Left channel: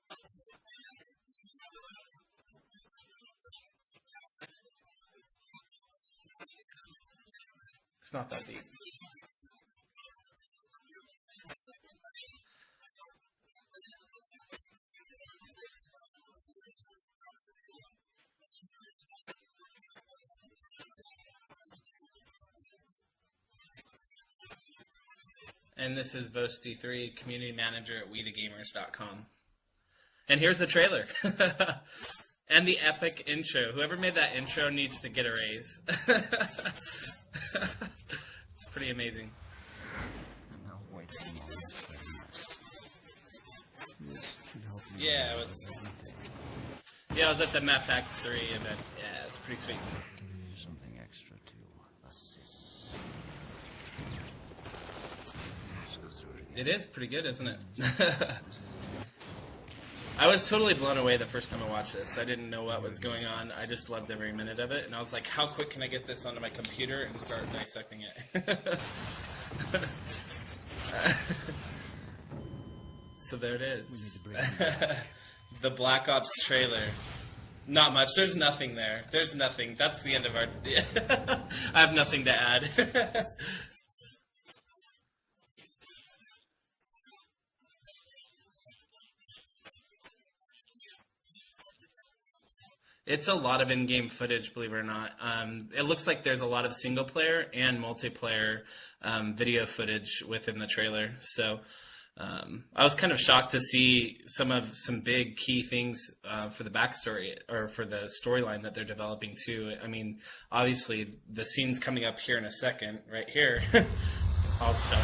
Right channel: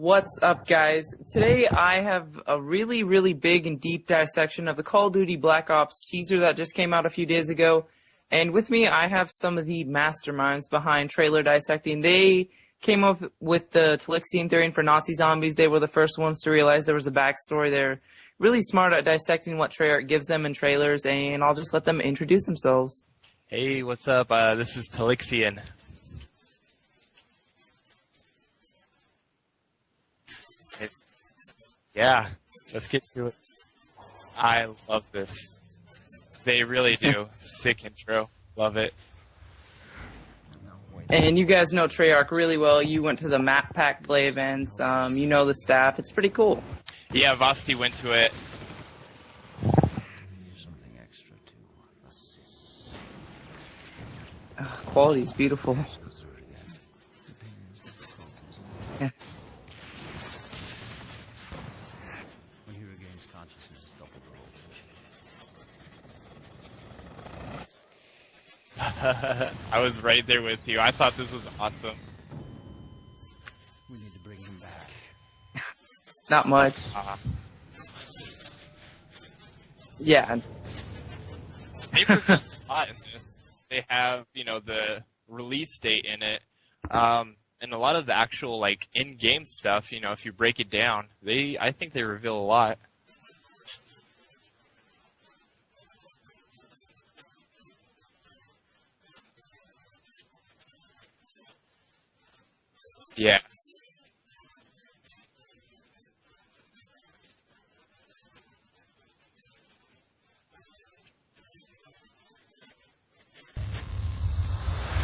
What's up, guys? Today I have a really, really big and deep dissection of the Call of Duty Black Ops teaser that just came out a few days ago. And with me, I have some of the masterminds behind trailer dissecting. They came up with the Telixion theory for Nazi zombies. They were the first ones to realize there was a backstory. They're really smart at dissecting what Treyarch gives them in trailers, and I'll just let them introduce themselves. Hey, what's up? This is Telixion. And this is Vosty.flv, community manager at WeTheGamers.com. And here's the trailer. Yeah. And the epic intro. Whoever made that intro needs to get a raise. They really do. Sick intro. Love it. Amazing. And you guys know Treyarch really well. You went to the Map Pack Play events. You know the staff. It's pretty cool. Yeah, Vosty went to it. Yeah, it's pretty sweet. Something extra to assist. Quality is beautiful. It is pretty good, isn't it? Yeah. I was totally blown away the first time I watched this. I didn't know what was going on. I just loved every minute of it. And I was like, how quick can I get this onto my computer and start dissecting it? I was right there with you. I thought this was awesome. So there it is. We need to bring him back. The Black Ops Not trailer. much. Not much. There's nothing there. There's nothing. That's the Yeah. end of our... I have nothing to add. They have, the release date in it. And a lot of the actual, in-game stuff, if you break it down, I think they reveal a lot. It's a lot of in-game footage, believe it or not. It looks like there's a lot of single-player and multiplayer video footage within the trailer. So I was kind of shocked to see some big key things for the backstory or for the storyline that they're developing too. I mean, obviously the scene's coming up here in a second, right here. I'll stop.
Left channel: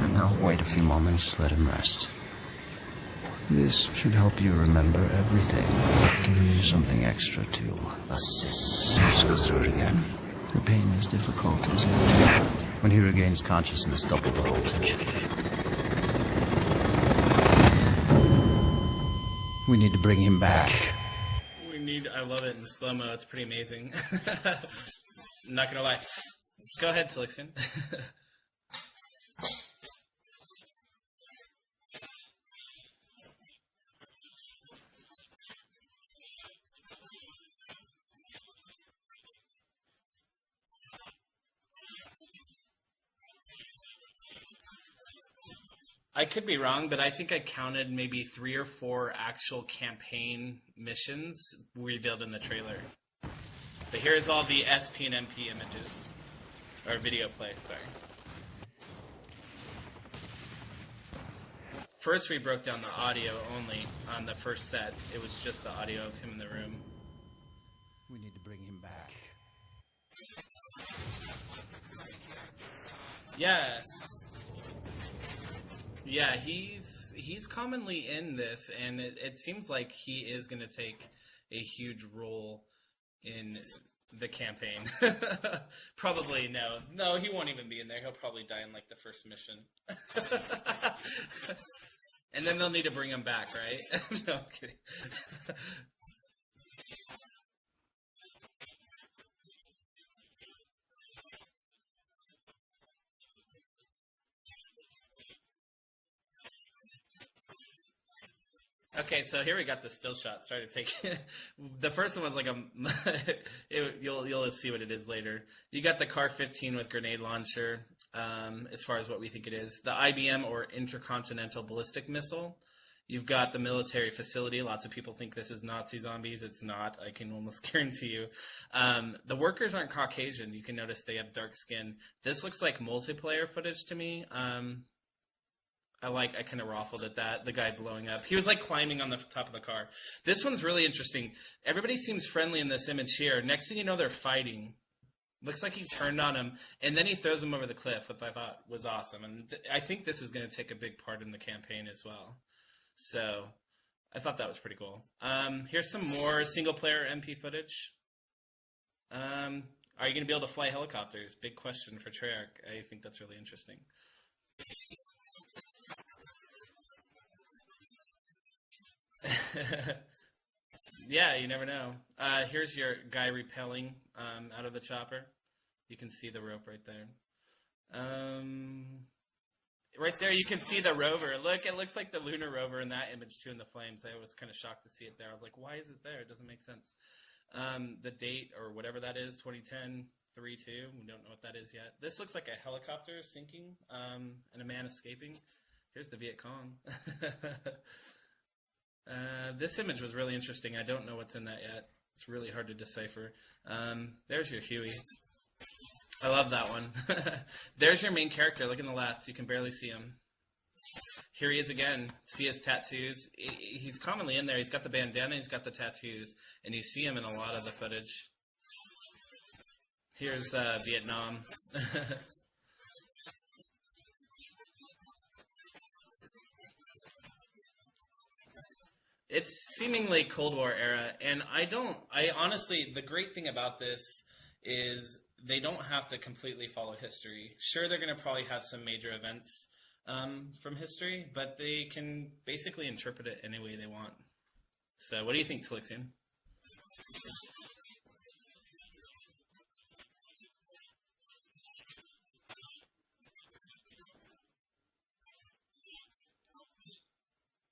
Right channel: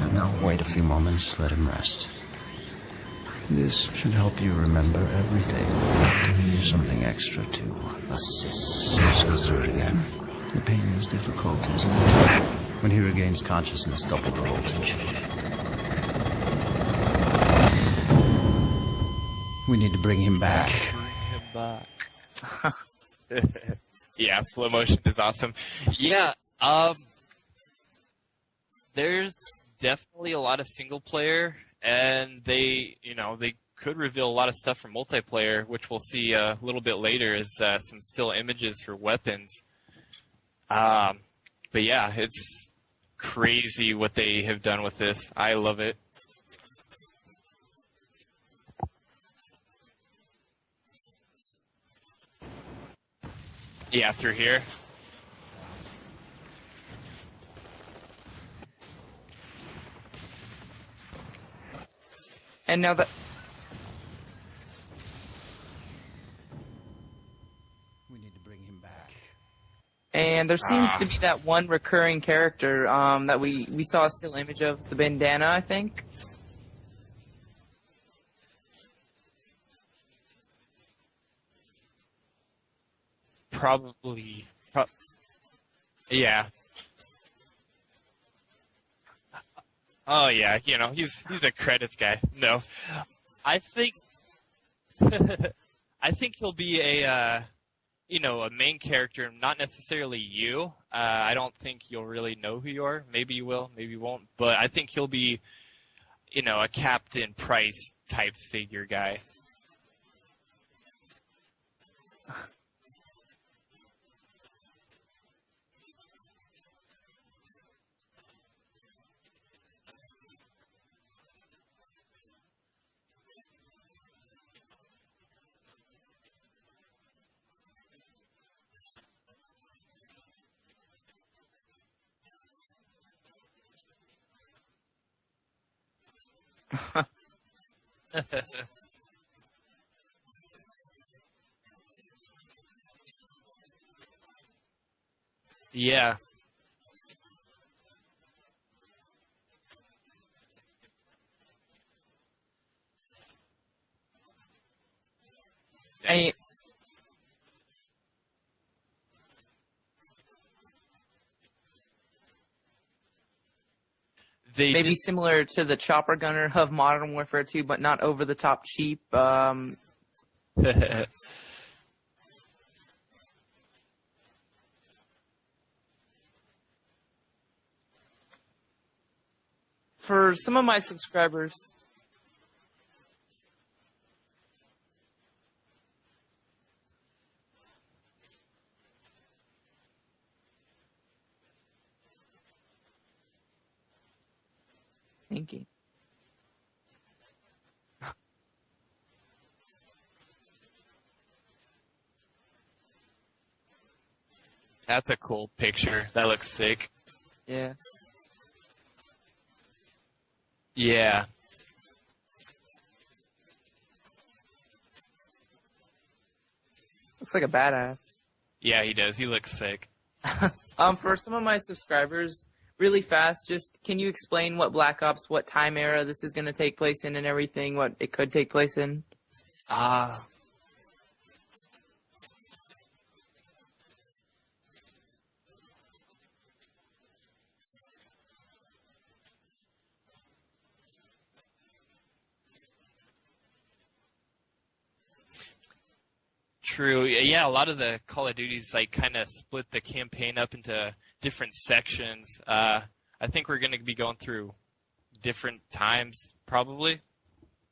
And now wait a few moments, let him rest. This should help you remember everything. Giving you something extra to assist. Let's go through it again. The pain is difficult, isn't it? When he regains consciousness, double the voltage. We need to bring him back. I love it in slow-mo. It's pretty amazing. Yeah, slow motion is awesome. I'm not going to lie. Yeah. Go ahead, Telixion. There's definitely a lot of single player, and they could reveal a lot of stuff from multiplayer, which we'll see a little bit later as some still images for weapons. But yeah, it's crazy what they have done with this. I love it. I could be wrong, but I think I counted maybe 3 or 4 actual campaign missions revealed in the trailer. Yeah, Here's all here. the SP and MP images, or video play, sorry. First, we broke down the audio only on the first set. It was just the audio of him in the room. We need to bring him back. And there seems to be that one recurring character that we saw a still image of, the bandana, I think. Yeah, he's commonly in this, and it seems like he is going to take a huge role in the campaign. Probably no, he won't even be in there. He'll probably die in the first mission. Oh yeah, he's a credits guy. And then they'll need to bring him back. I right? think. No, I'm kidding. I think he'll be a main character, not necessarily you. I don't think you'll really know who you are. Maybe you will, maybe you won't. But I think he'll be, a Captain Price type figure guy. Okay, so here we got the still shot. Sorry to take the first one was you'll see what it is later. You got the Car 15 with grenade launcher, as far as what we think it is. The IBM or Intercontinental Ballistic Missile. You've got the military facility. Lots of people think this is Nazi zombies. It's not. I can almost guarantee you. The workers aren't Caucasian. You can notice they have dark skin. This looks like multiplayer footage to me. I kind of raffled at that. The guy blowing up. He was climbing on the top of the car. This one's really interesting. Everybody seems friendly in this image here. Next thing you know, they're fighting. Looks like he turned on him, and then he throws him over the cliff, which I thought was awesome. And I think this is going to take a big part in the campaign as well. So I thought that was pretty cool. Here's some more single-player MP footage. Are you going to be able to fly helicopters? Big question for Treyarch. I think that's really interesting. Maybe similar to the chopper gunner of Modern Warfare 2, but not over-the-top cheap. Yeah, you never know. Here's your guy rappelling out of the chopper. You can see the rope right there. Right For there, you some can of my see the rover. subscribers, Look, it looks like the lunar rover in that image too in the flames. I was kind of shocked to see it there. I was like, why is it there? It doesn't make sense. The date or whatever that is, 2010 3/2. We don't know what that is yet. This looks like a helicopter sinking and a man escaping. Sinking. Here's the Viet Cong. This image was really interesting. I don't know what's in that yet. It's really hard to decipher. There's your Huey. That's a cool picture. That I looks love that sick. one. Yeah. There's your main character. Look in the left. You can barely see him. Yeah. Here he is again. See his tattoos. He's commonly in there. He's got the bandana. He's got the tattoos, and you see him in Looks a like lot a of the badass. footage. Yeah, he does. He looks sick. Here's For some of my subscribers, really fast, just can you explain what Black Ops, what time era this is going to take place in and everything, what it could take place in? It's seemingly Cold War era, and I honestly, the great thing about this is they don't have to completely follow history. Sure, they're going to probably have some major events from history, but they can basically interpret it any way they want. So what do you think, Telixion? True. Yeah, a lot of the Call of Duties like kind of split the campaign up into different sections. I think we're going to be going through different times, probably.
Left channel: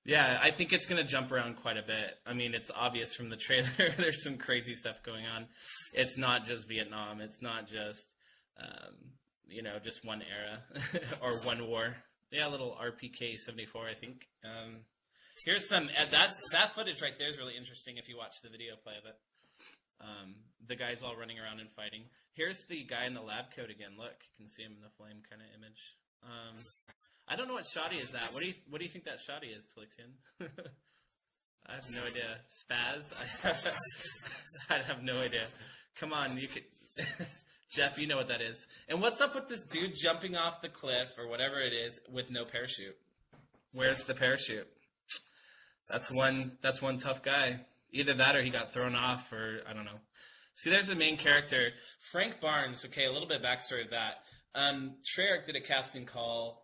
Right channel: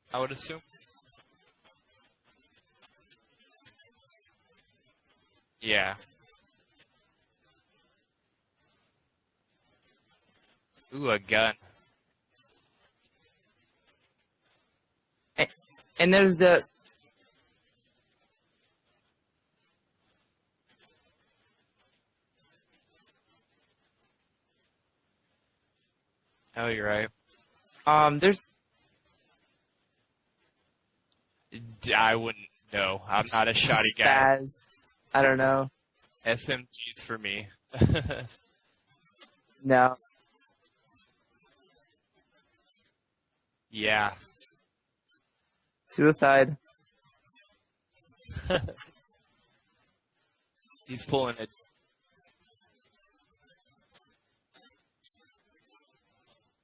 Yeah, I think it's going to jump around quite a bit. I mean, it's obvious from the trailer. There's some crazy stuff going on. Yeah. It's not just Vietnam. It's not just, just one era Ooh, a or gun. one war. Yeah, a little RPK-74, I think. Here's some. And there's that footage right there is really interesting if you watch the video play of it. The guy's all running around and fighting. Here's the guy in the lab coat again. Look, you can see him in the flame kind of image. Oh, you're right. I don't know what shot is that. What do you think that shotty is, Telixion? I wouldn't know. I'm not a shoddy guy. Spaz. I have no I don't idea. know. Come on. SMGs for me. Jeff, you know what that is. And what's up with this dude jumping off the cliff or whatever it is with no parachute? Where's the parachute? Suicide. That's one tough guy. Either that or he got thrown off or I don't know. See, there's the main character. Frank Barnes. Okay, a little bit of backstory of that. Treyarch did a casting call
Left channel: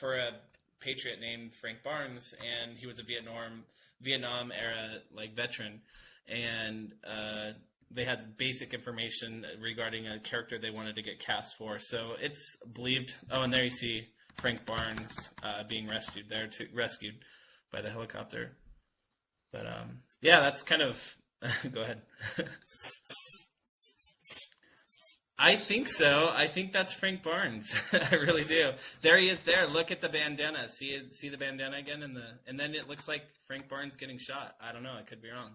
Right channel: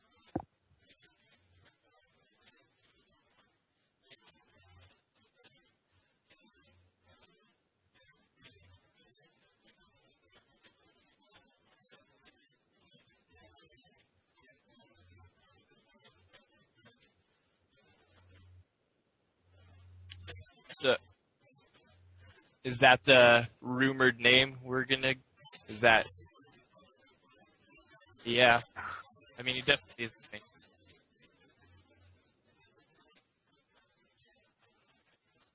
for a patriot named Frank Barnes, and he was a Vietnam era veteran, and they had basic information regarding a character they wanted to get cast for. So it's believed. Oh, and there you see Frank Barnes being rescued by the helicopter. But yeah, that's kind of. Go ahead. Is that the rumored name we're gonna? I think so. I think that's Frank Barnes. I really do. There he is. Look at the bandana. See the bandana again, and then it looks like Frank Barnes getting shot. I don't know. I could be wrong.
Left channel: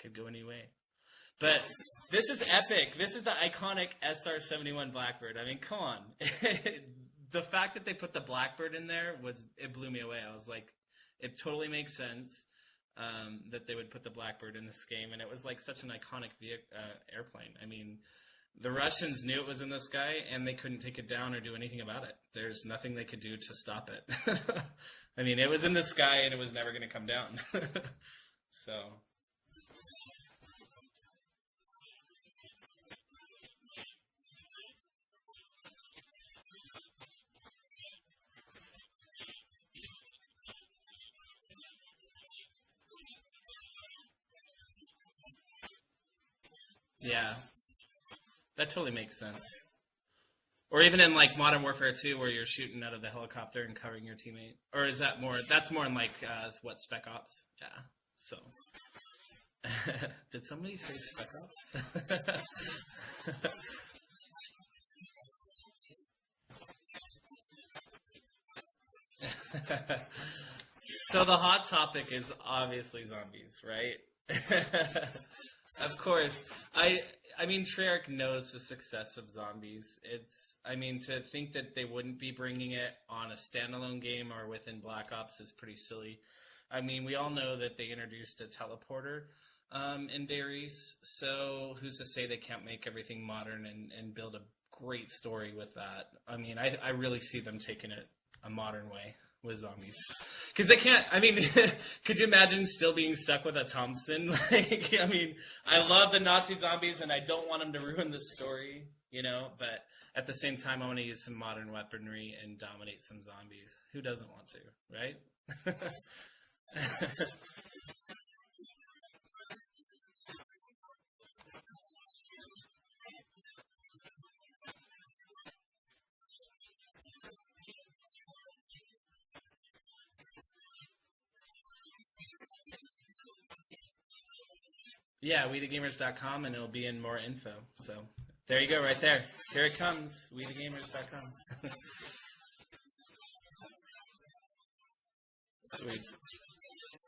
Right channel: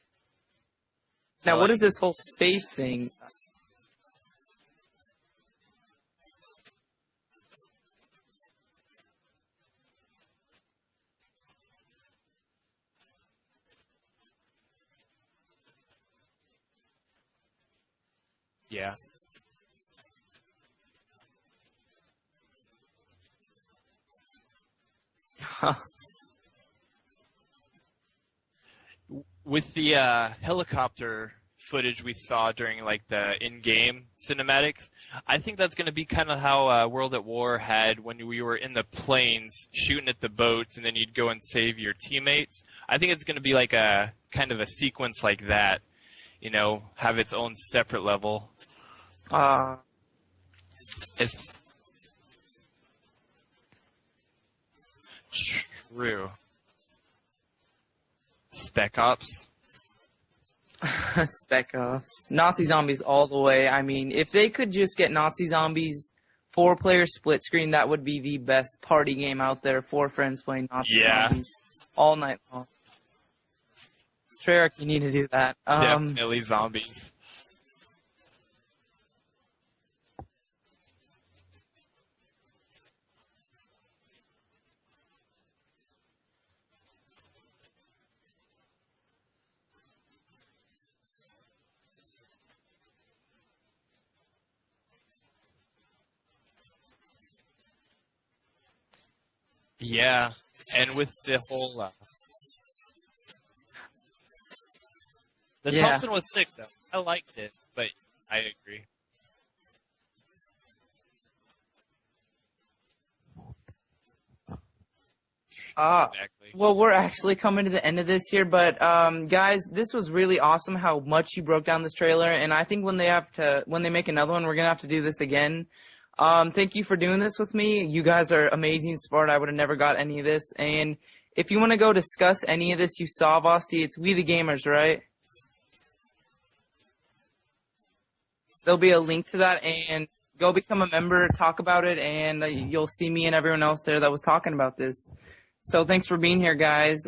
Could go any way. But now, what is this whole this space is epic. thing? This is the iconic SR-71 Blackbird. I mean, come on. The fact that they put the Blackbird in there it blew me away. I was like, it totally makes sense. That they would put the Blackbird in this game, and it was like such an iconic airplane. I mean, the Russians knew it was in the sky, and they couldn't take it down or do anything about it. There's nothing they could do to stop it. I mean, it was in the sky, and it was never going to come down. So, with the helicopter footage we saw during like the in-game cinematics, I think that's going to be kind of how World at War had when we were in the planes shooting at the boats, and then you'd go and save your teammates. I think it's going to be like a kind of a sequence like that, have its own separate level. That totally makes sense. Or even in like Modern Warfare 2, where you're shooting out of the helicopter and covering your teammate. Or is that more? That's more in like Spec Ops? Yeah. So. Spec Ops. Did somebody say Spec Ops? Nazi zombies all the way. I mean, if they could just get Nazi zombies 4-player split screen, that would be the best party game out there. 4 friends playing Nazi zombies. So the hot topic all is night. Obviously zombies, right? Treyarch, you need to do that. Definitely zombies. I mean, Treyarch knows the success of zombies. To think that they wouldn't be bringing it on a standalone game or within Black Ops is pretty silly. I mean, we all know that they introduced a teleporter in Darius, so who's to say they can't make everything modern and build a great story with that? I mean, I really see them taking it a modern way with zombies. Yeah. Because they can't, could you imagine still being stuck with a Thompson? I mean, I love the Nazi zombies and I don't want them to ruin the story, but at the same time, I want to use some modern weaponry and dominate some zombies. Who doesn't want to, right? Exactly. Well, we're actually coming to the end of this here, but guys, this was really awesome how much you broke down this trailer, and I think when they make another one, we're gonna have to do this again. Thank you for doing this with me. You guys are amazing sport. I would have never got any of this. And if you want to go discuss any of this you saw, Vosty, it's We the Gamers, right? Yeah, WeTheGamers.com, and it'll be in more info. So there you There'll go. be Right a there. link to that, There it and comes. We go the become a Gamers. member, talk about it, and you'll see me and everyone else there that was talking about this. So thanks for being here, guys.